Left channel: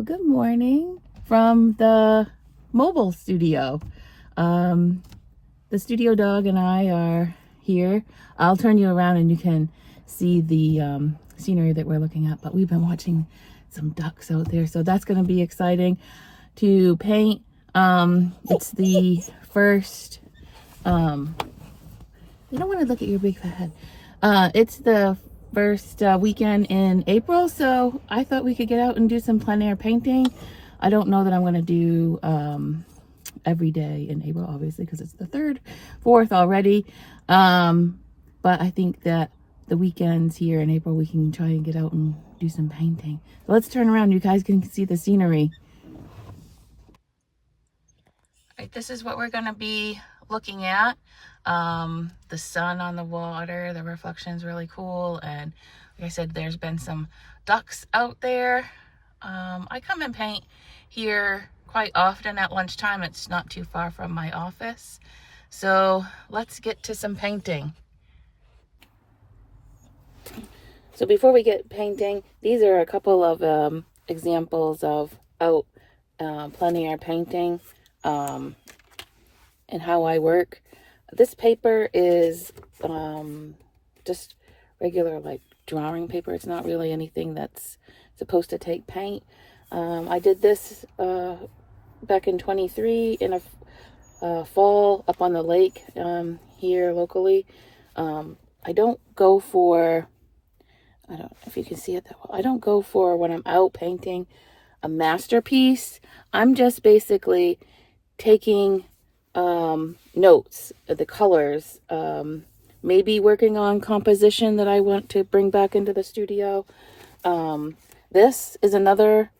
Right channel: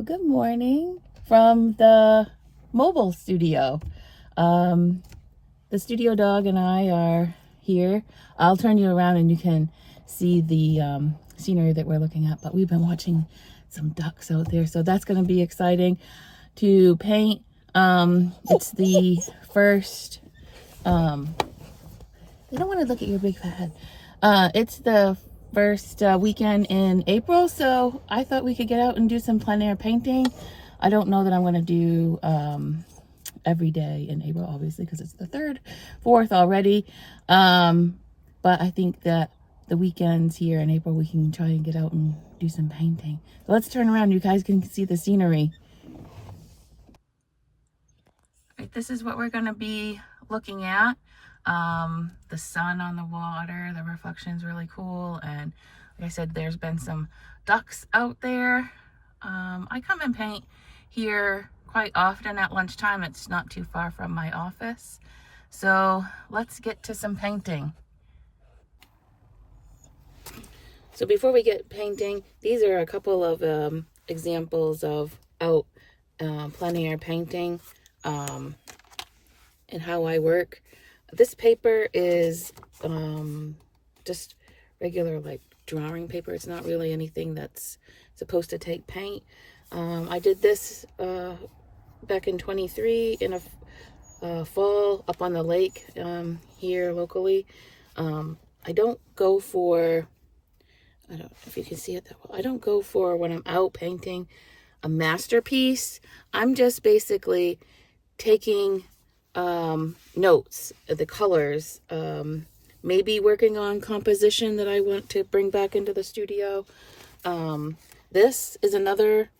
Well, good morning from the mobile studio. The studio dog and I are here. I'll turn you around and you can see the scenery that we're looking at, but we've been watching some ducks out there, so that's going to be exciting to paint. It's the first, you don't want to look at your big fat head. It's the first weekend in April, so I thought we could get out and do some plein air painting. I don't know that I'm going to do every day in April, obviously, because it's the 3rd, 4th already. But I think that the weekends here in April, we can try and get out and do some painting. So let's turn around. You guys can see the scenery. All right, this is what we're going to be looking at. The sun on the water, the reflection is really cool, and like I said, there's been some ducks out there. I come and paint here quite often at lunchtime. It's not too far from my office, so let's get to some painting. So before we get painting, these are a couple of examples of out plein air painting and how I work. This paper is just regular like drawing paper. It's not really anything that's supposed to take paint. I did this back in 23 in a fall up on the lake here locally. I don't go for, I don't know if you can see it that well. I don't go for, when I'm out painting, a masterpiece. I'm just basically taking notes, the colors, maybe working on composition that I want to bring back into the studio. This is another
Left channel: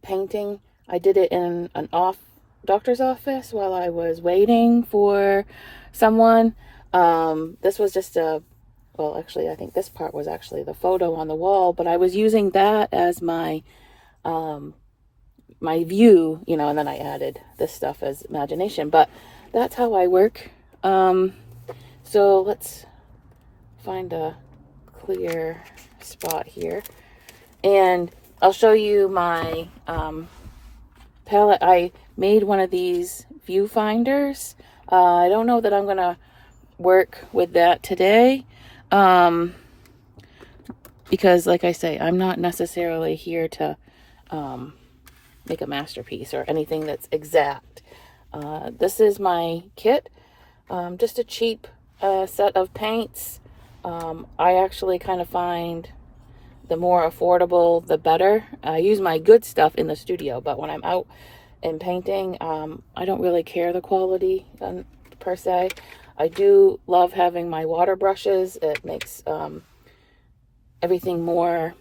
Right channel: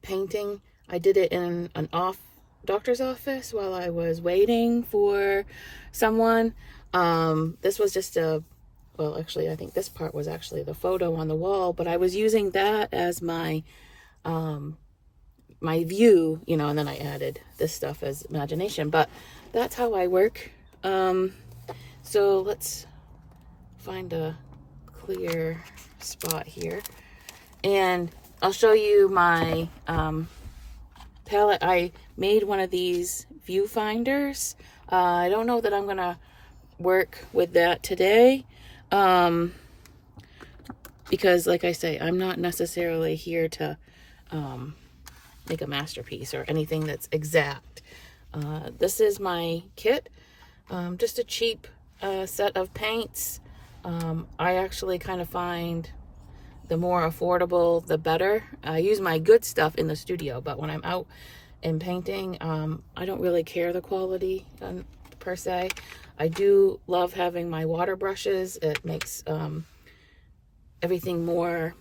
painting. I did it in an doctor's office while I was waiting for someone. This was just well, actually, I think this part was actually the photo on the wall, but I was using that as my my view, you know, and then I added this stuff as imagination, but that's how I work. So let's find a clear spot here, and I'll show you my palette. I made one of these viewfinders. I don't know that I'm gonna work with that today, because like I say, I'm not necessarily here to make a masterpiece or anything that's exact. This is my kit, just a cheap set of paints. I actually kind of find the more affordable the better. I use my good stuff in the studio, but when I'm out and painting, I don't really care the quality per se. I do love having my water brushes. It makes everything more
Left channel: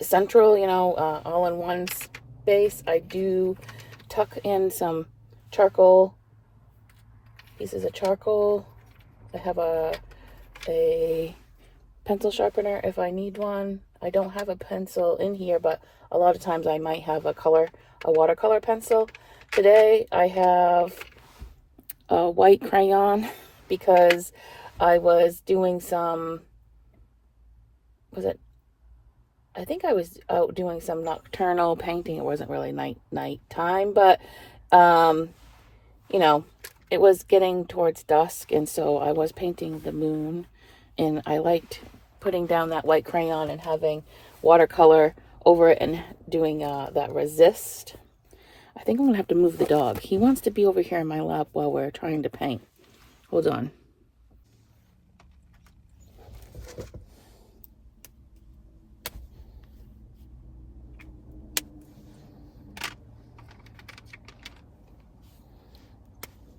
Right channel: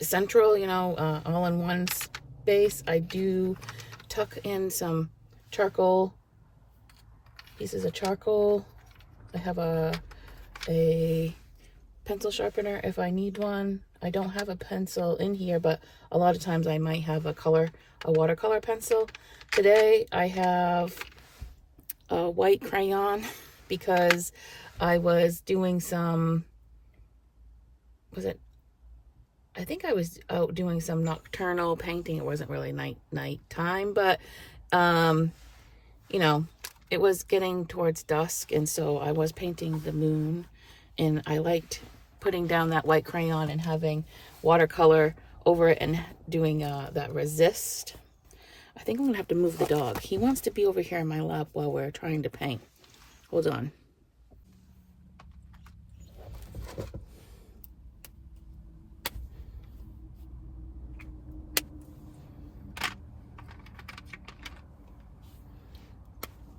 central, you know, all in one space. I do tuck in some charcoal, pieces of charcoal. I have a pencil sharpener if I need one. I don't have a pencil in here, but a lot of times I might have a watercolor pencil. Today I have a white crayon because I was doing some, I think I was out doing some nocturnal painting. It wasn't really nighttime, but you know, it was getting towards dusk, and so I was painting the moon, and I liked putting down that white crayon and having watercolor over it and doing that resist. I think I'm gonna have to move the dog. He wants to be over here in my lap while we're trying to paint. Hold on.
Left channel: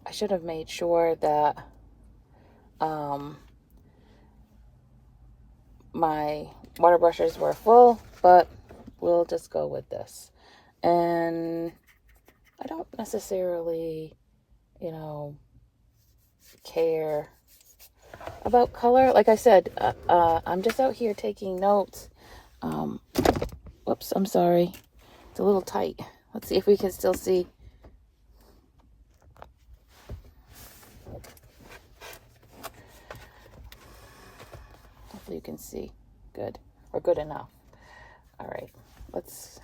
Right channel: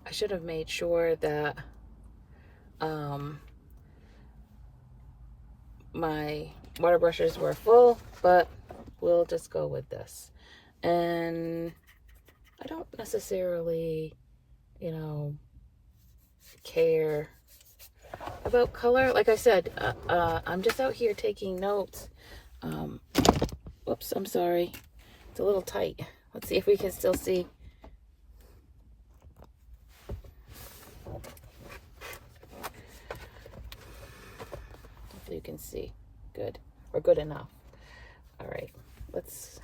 I should have made sure that my water brushes were full, but we'll just go with this. And I don't necessarily, you know, care about color. Like I said, I'm just out here taking notes. Whoops, I'm sorry. It's a little tight. Let's see if we can still see. Hopefully you can see. Good, or good enough. All right, let's...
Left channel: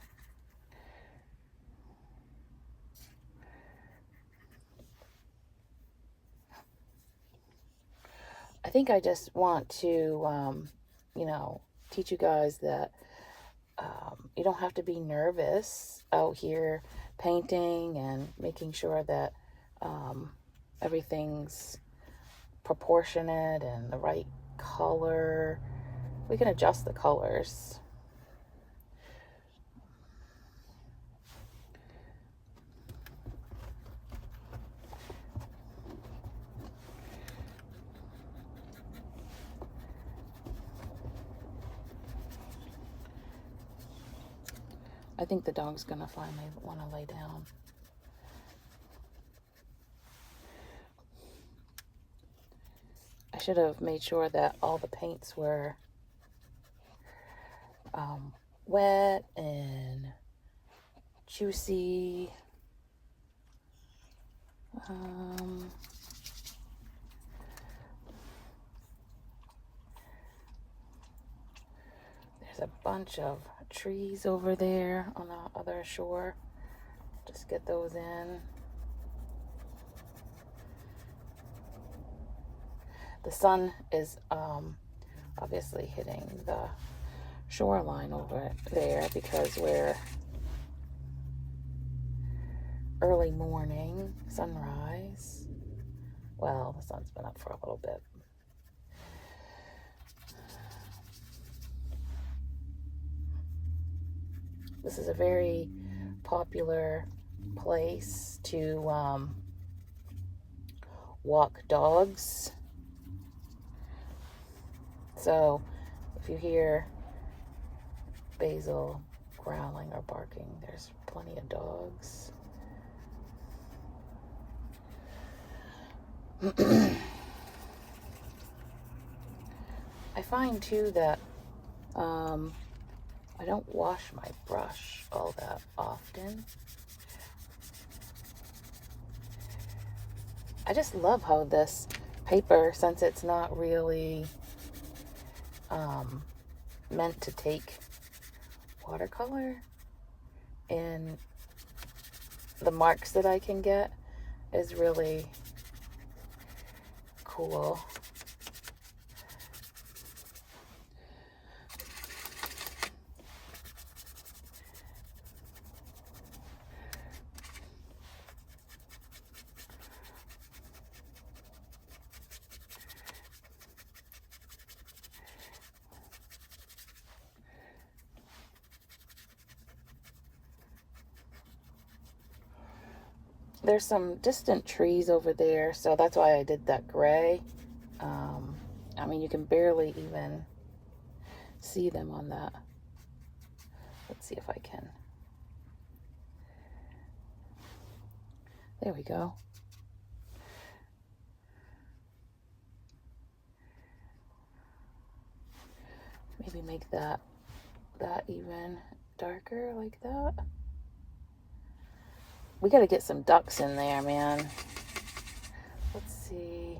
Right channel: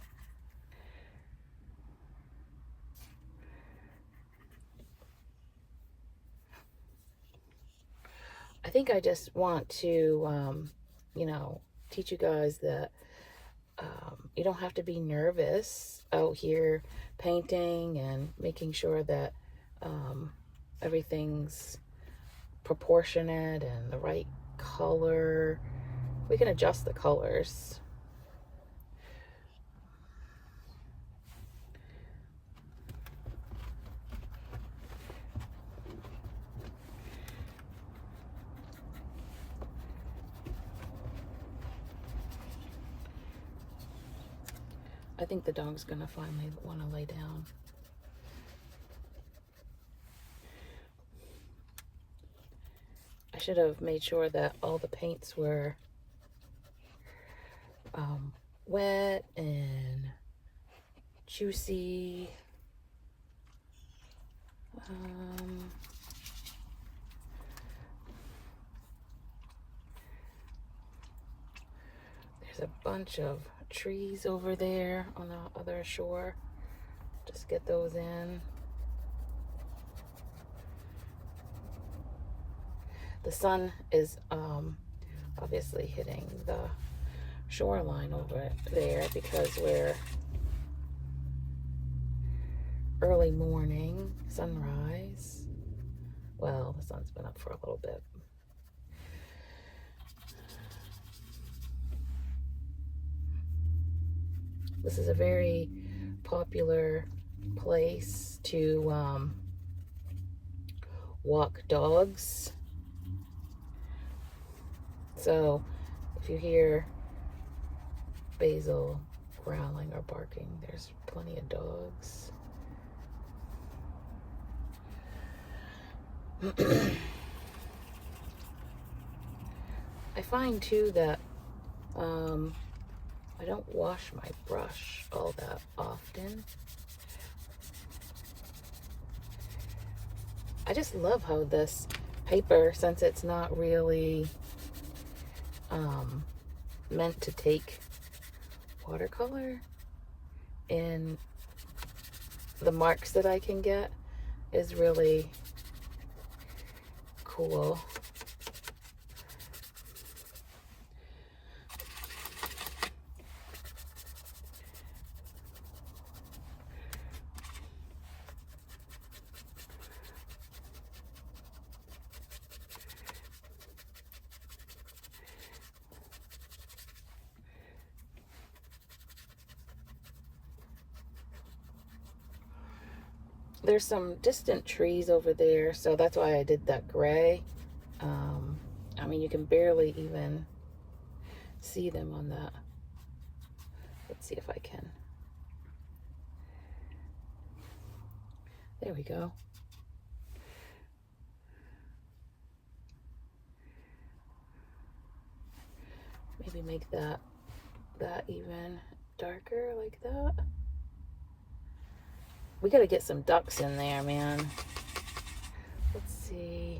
I think I just want to, you know, teach you guys that you don't have to be nervous out here painting and making sure that everything's proportionate and the right color. We can adjust the colors. I think the dog's gonna finally want to lay down. I should have made sure that all the paints were wet and juicy. There's a bunch of trees over there on the other shore. Just get those in. The sun is obviously hitting the shoreline over there because we're early morning, sunrise. Well, the sun's been up for a little bit. This is a very popular place to walk dogs. So if you hear Basil growling or barking, there's plenty of dogs. I find too that I don't wash my brush all that often. I just love how this paper, since it's not really meant to take watercolor, and the marks that I can get is really cool. There's some distant trees over there, so that's why I did that gray. I mean, you can barely even see them on that. Let's see if I can. There we go. Maybe make that even darker like that. We got to get some ducks in there, man. Let's see.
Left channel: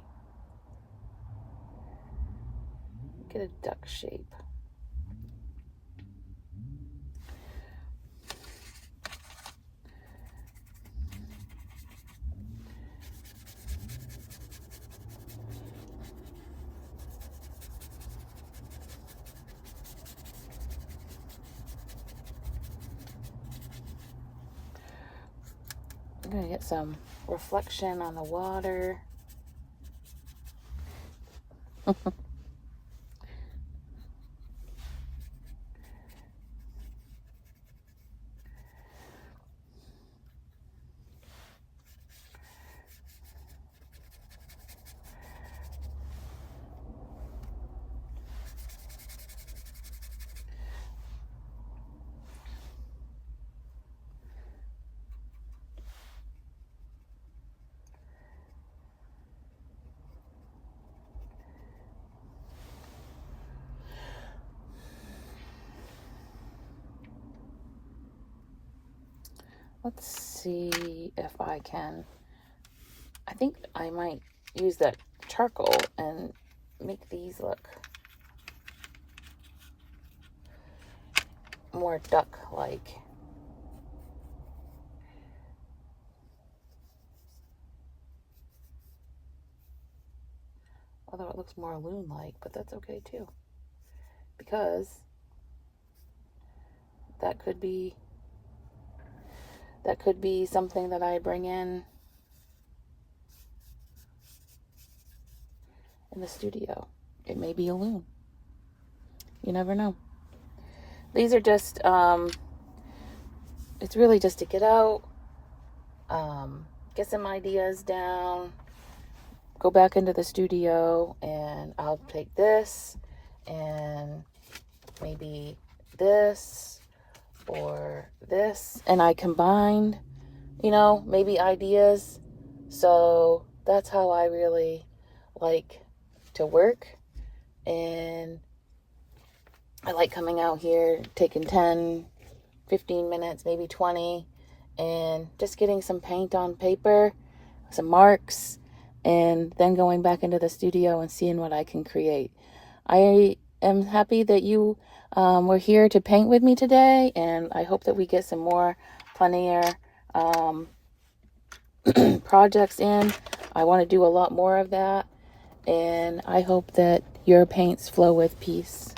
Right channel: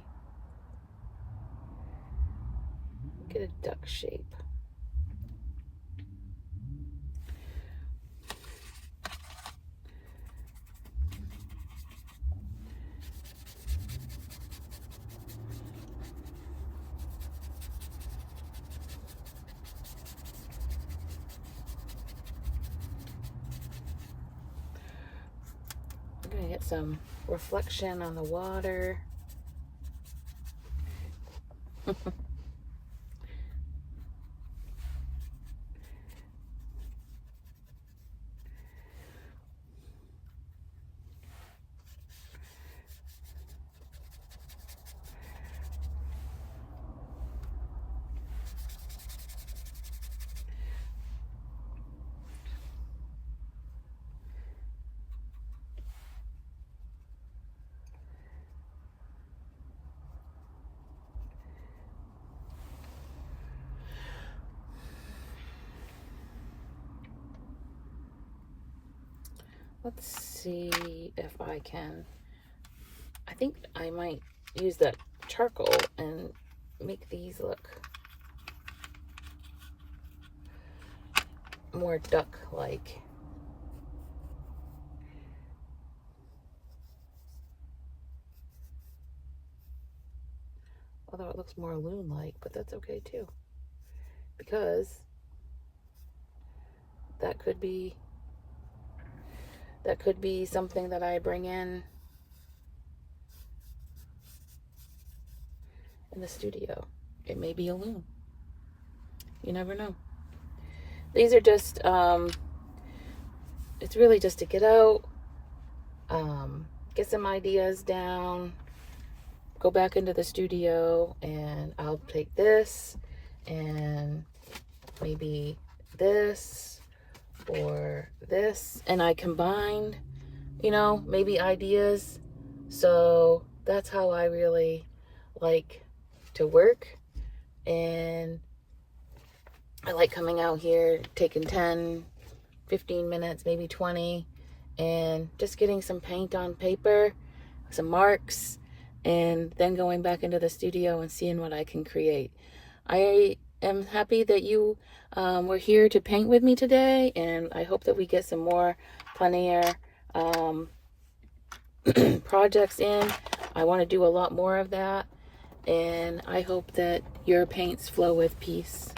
Get a duck shape. I'm gonna get some reflection on the water. Let's see if I can. I think I might use that charcoal and make these look more duck-like. Although it looks more loon-like, but that's okay too. Because that could be something that I bring in the studio. It may be a loon. You never know. These are just, it's really just to get out, get some ideas down, go back into the studio, and I'll take this and maybe this or this, and I combined, maybe ideas. So that's how I really like to work. And I like coming out here, taking 10, 15 minutes, maybe 20, and just getting some paint on paper, some marks, and then going back into the studio and seeing what I can create. I am happy that you were here to paint with me today, and I hope that we get some more plein air projects in. I want to do a lot more of that, and I hope that your paints flow with peace.